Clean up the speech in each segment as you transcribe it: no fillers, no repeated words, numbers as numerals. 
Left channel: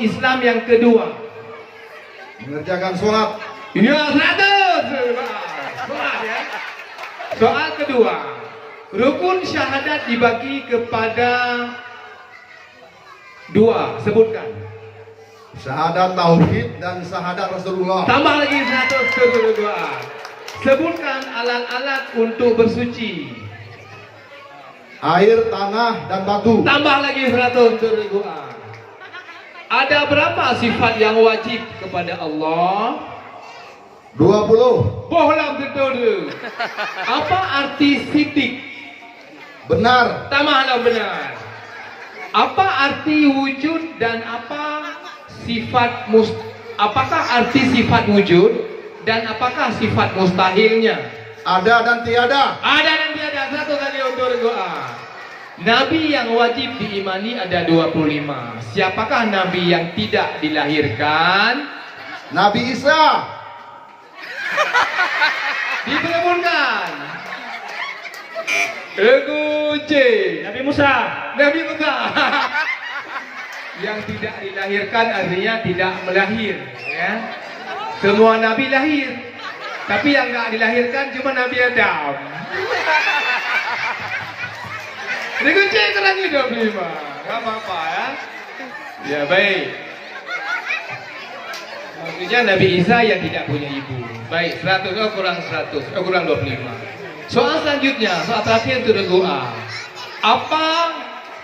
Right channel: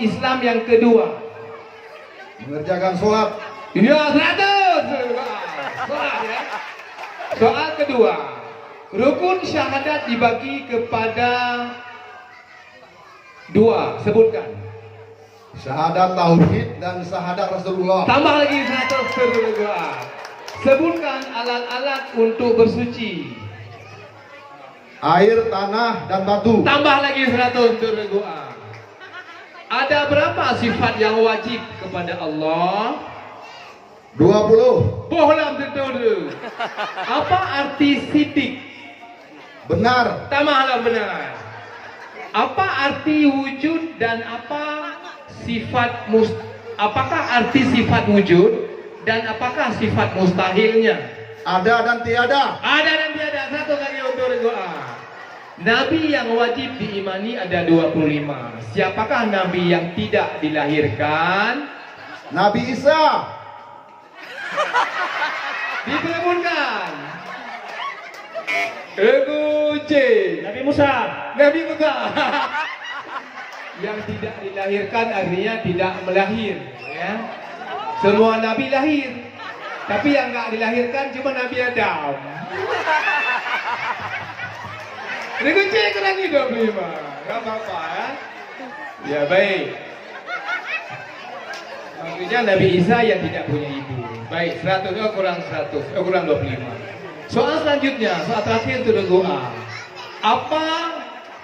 Islam yang kedua? Mengerjakan sholat. Ya, 100. Sholat ya. Soal kedua. Rukun syahadat dibagi kepada dua. Sebutkan. Syahadat tauhid dan syahadat Rasulullah. Tambah lagi 100 kedua. Sebutkan alat-alat untuk bersuci. Air, tanah, dan batu. Tambah lagi 100 kedua. Ada berapa sifat yang wajib kepada Allah? 20. Bohlam tentu. Apa arti sidik? Benar. Tambahlah benar. Apa arti wujud dan apakah arti sifat wujud dan apakah sifat mustahilnya? Ada dan tiada. Ada dan tiada. Satu kali untuk doa. Nabi yang wajib diimani ada 25. Siapakah nabi yang tidak dilahirkan? Nabi Isa. Diperebutkan. Regu C. Nabi Musa. Nabi Musa. Yang tidak dilahirkan artinya tidak melahir, ya. Semua nabi lahir, tapi yang nggak dilahirkan cuma Nabi Adam. Regu C kurangi 25. Gak apa-apa ya. Ya baik. Maksudnya Nabi Isa yang tidak punya ibu. Baik, 100 kurang 100, kurang 25. Soal selanjutnya, soal terakhir itu regu A. Apa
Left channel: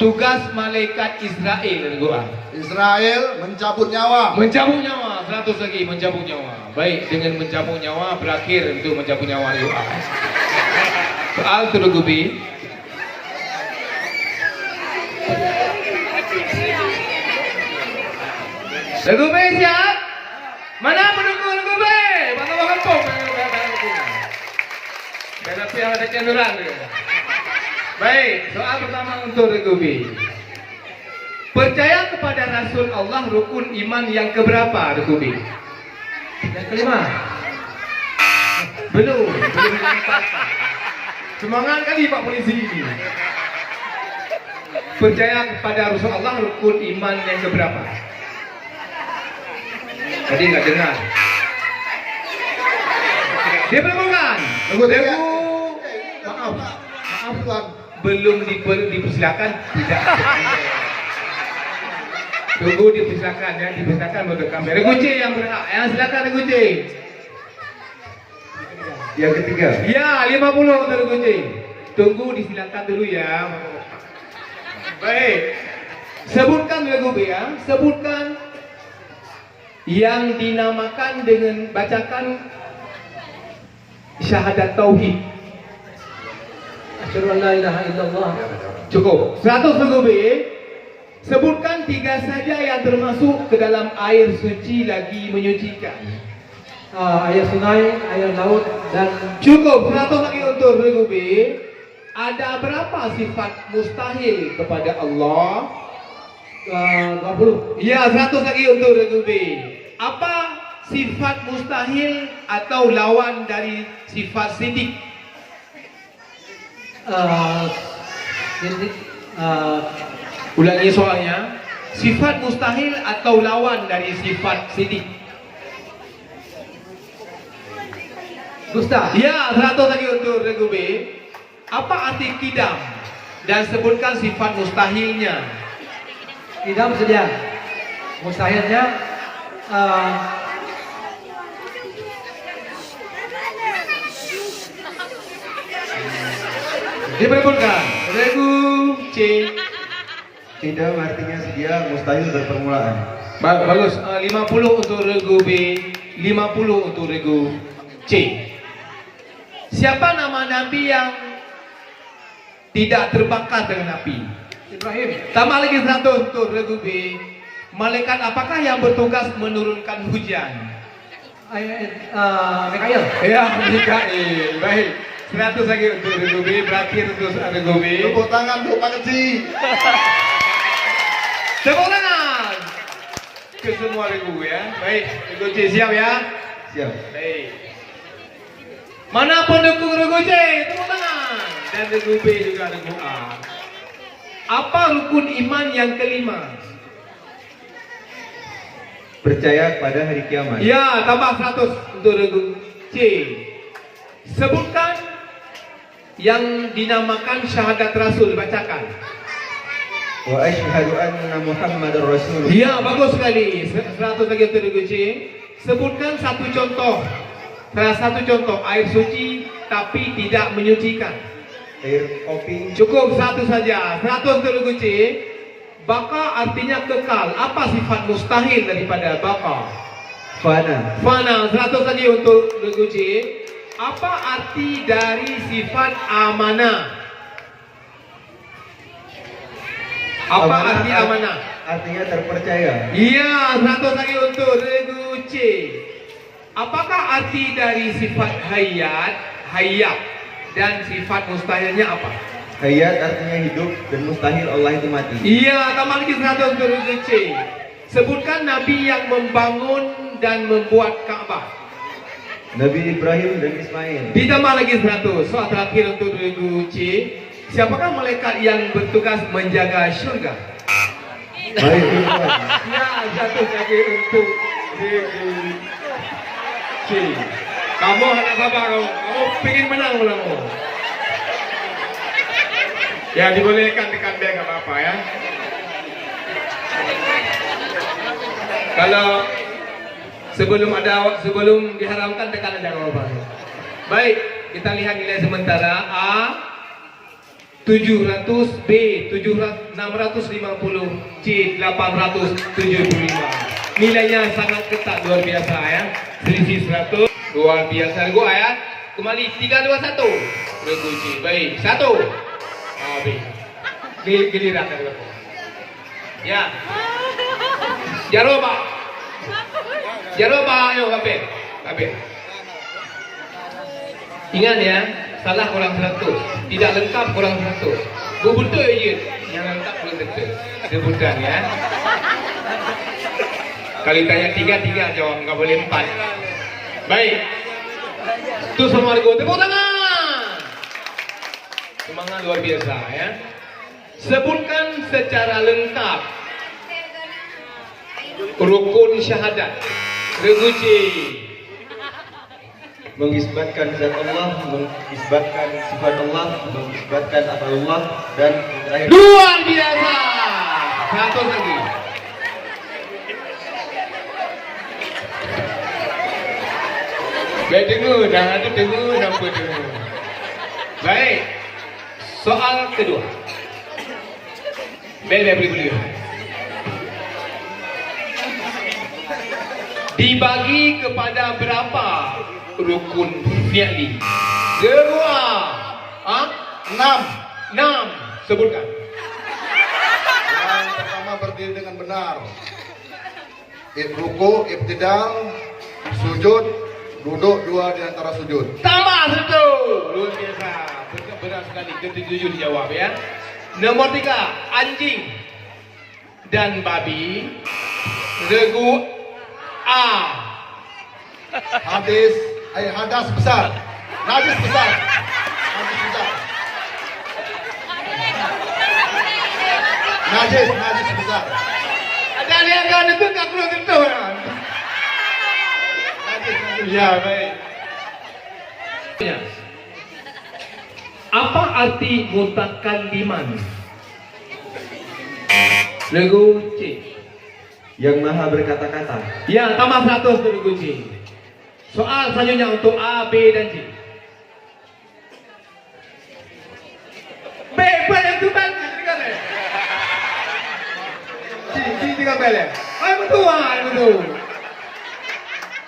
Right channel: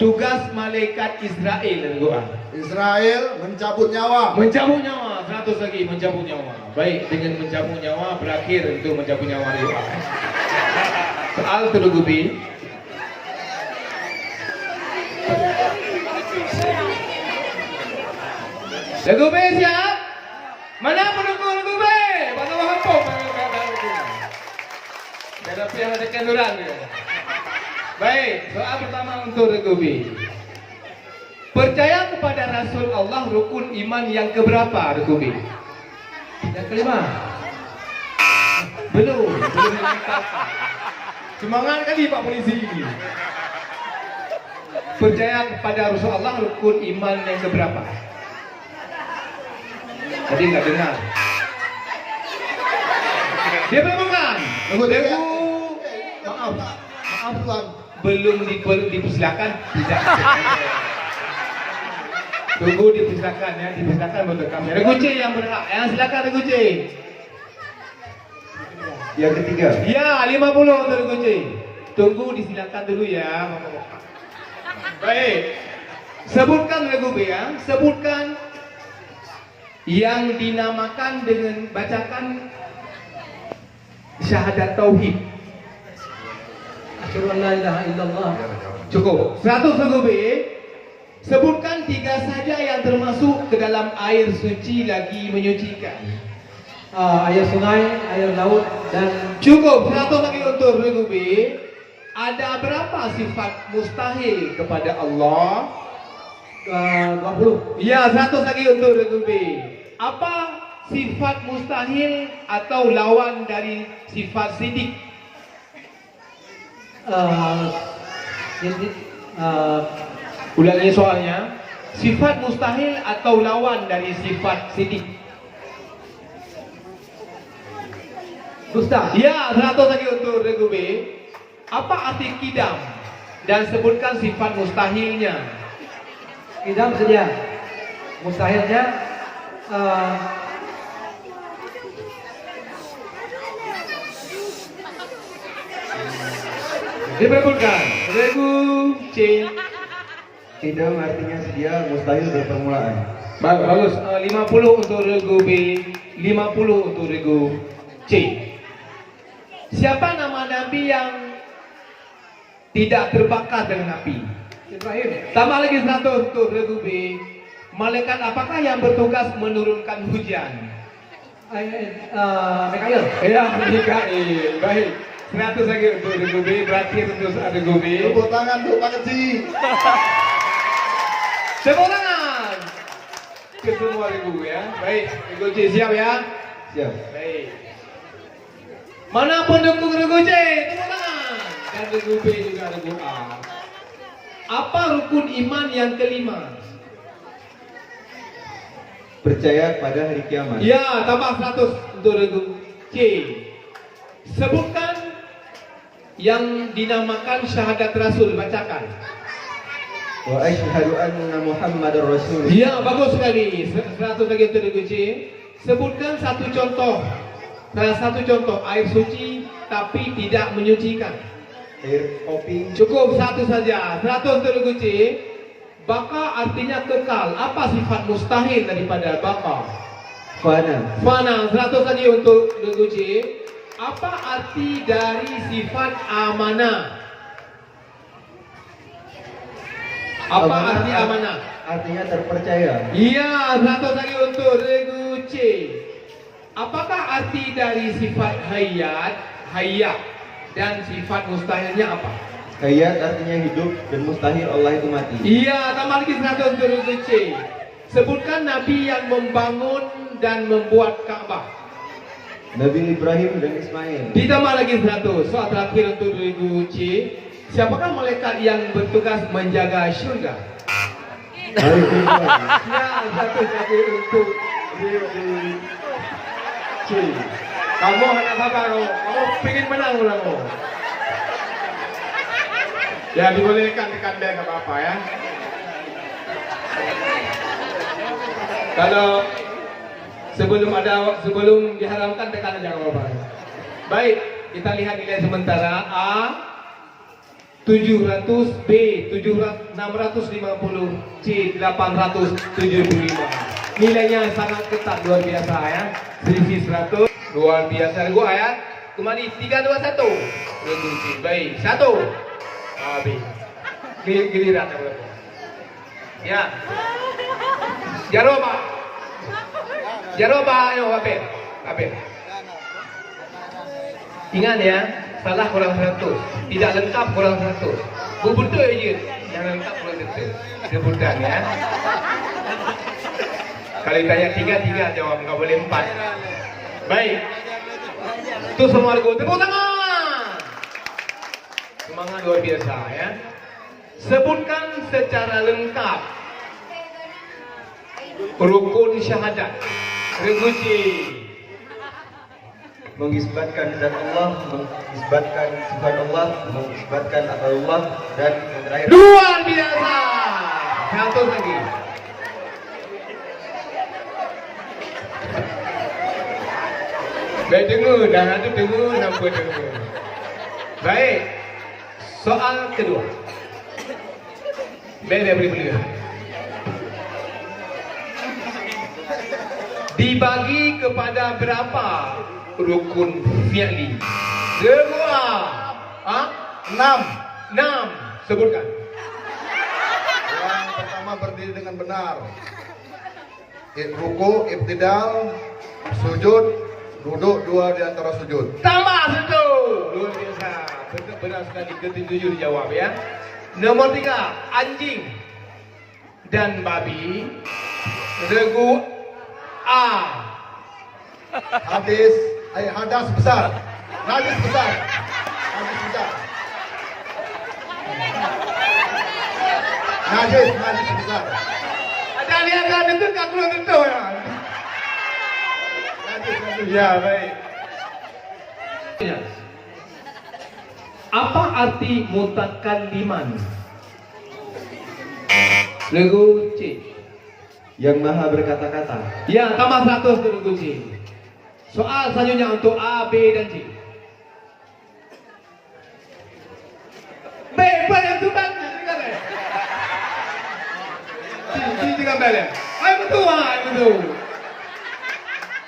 tugas malaikat Israel regu A? Israel mencabut nyawa. Mencabut nyawa, 100 lagi mencabut nyawa. Baik, dengan mencabut nyawa berakhir itu mencabut nyawa regu A. Soal regu B. Regu B siap? Mana pendukung regu B? Batu kampung. Karena pihak ada kenduran. Baik, soal pertama untuk regu B. Percaya kepada Rasul Allah rukun iman yang keberapa regu B? Yang kelima. Belum ditempatkan. Semangat kali Pak Polisi ini. Percaya kepada Rasul Allah rukun iman yang keberapa? Tadi nggak dengar. Dia bukan. Maaf Tuan, belum dipersilakan tidak. Tunggu dipersilakan ya, dipersilakan untuk kamera. Regu C yang berhak, yang silakan regu C. Yang ketiga. Ya, 50 untuk regu C. Tunggu disilakan dulu ya. Baik. Sebutkan regu B ya, sebutkan yang dinamakan dengan bacakan syahadat tauhid. Asyhadu an la ilaha illallah. Cukup. 100 regu B. Sebutkan 3 saja yang termasuk ke dalam air suci lagi menyucikan. Air sungai, air laut, dan Cukup. 100 lagi untuk regu B. Ada berapa sifat mustahil kepada Allah? 20. Ya, 100 lagi untuk regu B. Apa sifat mustahil atau lawan dari sifat sidik? Ulangi soalnya. Sifat mustahil atau lawan dari sifat sidik? Dusta. Ya, 100 lagi untuk regu B. Apa arti kidam? Dan sebutkan sifat mustahilnya. Idam sedia. Mustahilnya Diperebutkan. Regu C. Tidak artinya sedia, mustahil berpermulaan. Bagus. 50 untuk regu B, 50 untuk regu C. Siapa nama nabi yang tidak terbakar dengan api? Ibrahim. Tambah lagi 100 untuk regu B. Malaikat apakah yang bertugas menurunkan hujan? Mikail. Ya, Mikail. Baik. 100 lagi untuk regu B. Berakhir untuk regu B. Tepuk tangan untuk Pak Keci. Tepuk tangan ke semua regu ya. Baik, regu C siap ya. Siap. Baik. Mana pendukung regu C? Tepuk tangan. Dan regu B juga regu A. Apa rukun iman yang kelima? Percaya pada hari kiamat. Ya, tambah 100 untuk regu C. Sebutkan yang dinamakan syahadat Rasul, bacakan. Wa asyhadu anna Muhammadar Rasulullah. Ya, bagus sekali. 100 lagi untuk regu C. Sebutkan satu contoh. Salah satu contoh air suci tapi tidak menyucikan. Air kopi. Cukup satu saja. 100 untuk regu C. Baka artinya kekal. Apa sifat mustahil daripada baka? Fana. Fana. 100 lagi untuk regu C. Apa arti dari sifat amanah? Apa arti amanah? Artinya terpercaya. Iya, 100 lagi untuk regu C. Apakah arti dari sifat hayat dan sifat mustahilnya apa? Hayat artinya hidup dan mustahil Allah itu mati. Iya, tambah lagi 100 untuk regu C. Sebutkan Nabi yang membangun dan membuat Ka'bah. Nabi Ibrahim dan Ismail. Ditambah lagi 100. Soal terakhir untuk regu C. Siapakah malaikat yang bertugas menjaga syurga? Baik, Tuhan. Ya, 100 lagi untuk regu C. Kamu anak sabar kamu. Kamu pengen menang kamu. Ya, dibolehkan tekan bel nggak apa-apa ya. Kalau sebelum diharamkan tekan aja nggak apa-apa. Baik, kita lihat nilai sementara A 700, B 650, C 875. Nilainya sangat ketat, luar biasa ya. Selisih 100, luar biasa. Regu A ya. Kembali 321. Regu C. Baik, 1. B. Giliran. Ya. Jaroba. Ayo Habib. Ingat ya, salah kurang 100, tidak lengkap kurang 100. Betul je, yang lengkap kurang 100. Sebutan ya. Kali tanya 3 jawab, nggak boleh 4. Baik. Itu semua regu, tepuk tangan. Semangat luar biasa ya. Sebutkan secara lengkap rukun syahadat. Regu C. Mengisbatkan zat Allah, mengisbatkan sifat Allah, mengisbatkan apa Allah, dan yang terakhir. Luar biasa. 100 lagi. Baik, dengar, nanti dengar. Baik. Soal kedua. Beri dulu. Dibagi kepada berapa rukun fi'li? Semua. 6. Sebutkan. Yang pertama berdiri dengan benar. Ruku, ibtidal, sujud, duduk 2 di antara sujud. Tambah 1. Luar biasa. Benar sekali. Ketujuh dijawab ya. Nomor 3, anjing dan babi. Regu A. Hadas besar. Najis besar. Najis besar. Ada lihat kan itu tak perlu tentu. Ya, baik. Apa arti mutakalliman? Regu C. Yang maha berkata-kata. Ya, tambah 100 untuk regu C. Soal selanjutnya untuk A, B dan C. B, yang tu bang. C dengan bel ya. Ayo betul.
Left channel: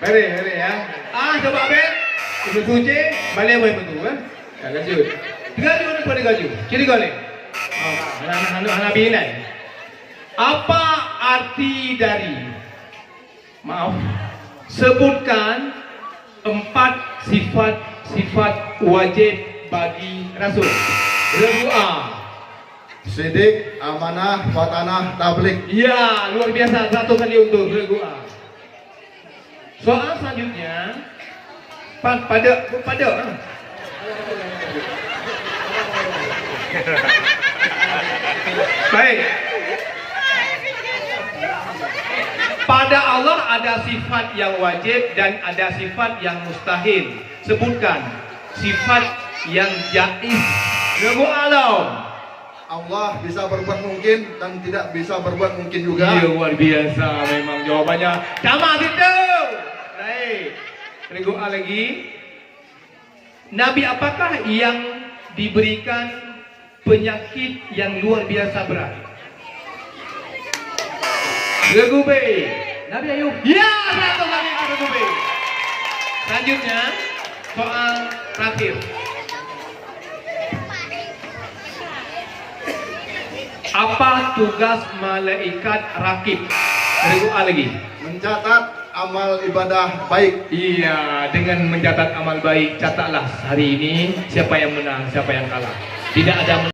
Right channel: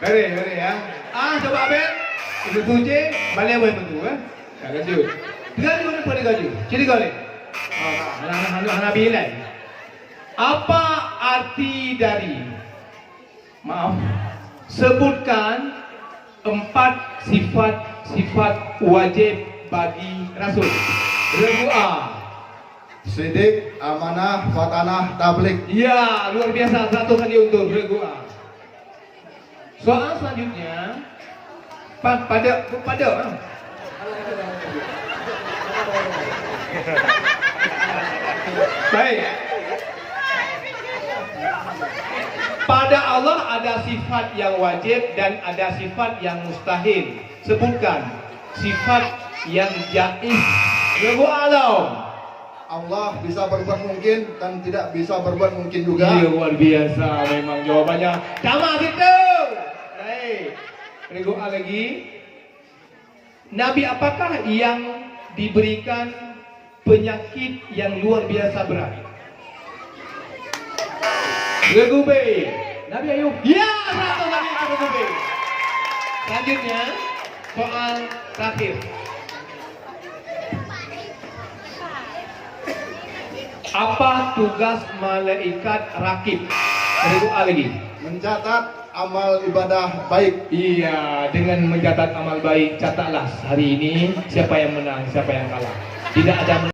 Beri ya. A coba bel. Betul C, balik boleh betul kan? Ya, lanjut. Gaju ni pada gaju. Ciri gale. Anak bilai. Apa arti dari? Maaf. Sebutkan 4 sifat wajib bagi Rasul. Regu A. Sidik, amanah, fatanah, tablik. Ya, luar biasa. 100 kali untuk regu A. Soal selanjutnya pada. Baik. Pada Allah ada sifat yang wajib dan ada sifat yang mustahil. Sebutkan sifat yang jaiz. Rabbul alam. Allah bisa berbuat mungkin dan tidak bisa berbuat mungkin juga. Iya, luar biasa memang jawabannya. Tamat itu. Baik. Rabbul lagi. Nabi apakah yang diberikan penyakit yang luar biasa berat? Gegube. Nabi Ayub. Ya, satu lagi Gegube. Selanjutnya, soal terakhir. Apa tugas malaikat rakib? Gegube lagi. Mencatat amal ibadah baik. Iya, dengan mencatat amal baik, catatlah hari ini siapa yang menang, siapa yang kalah. Tidak ada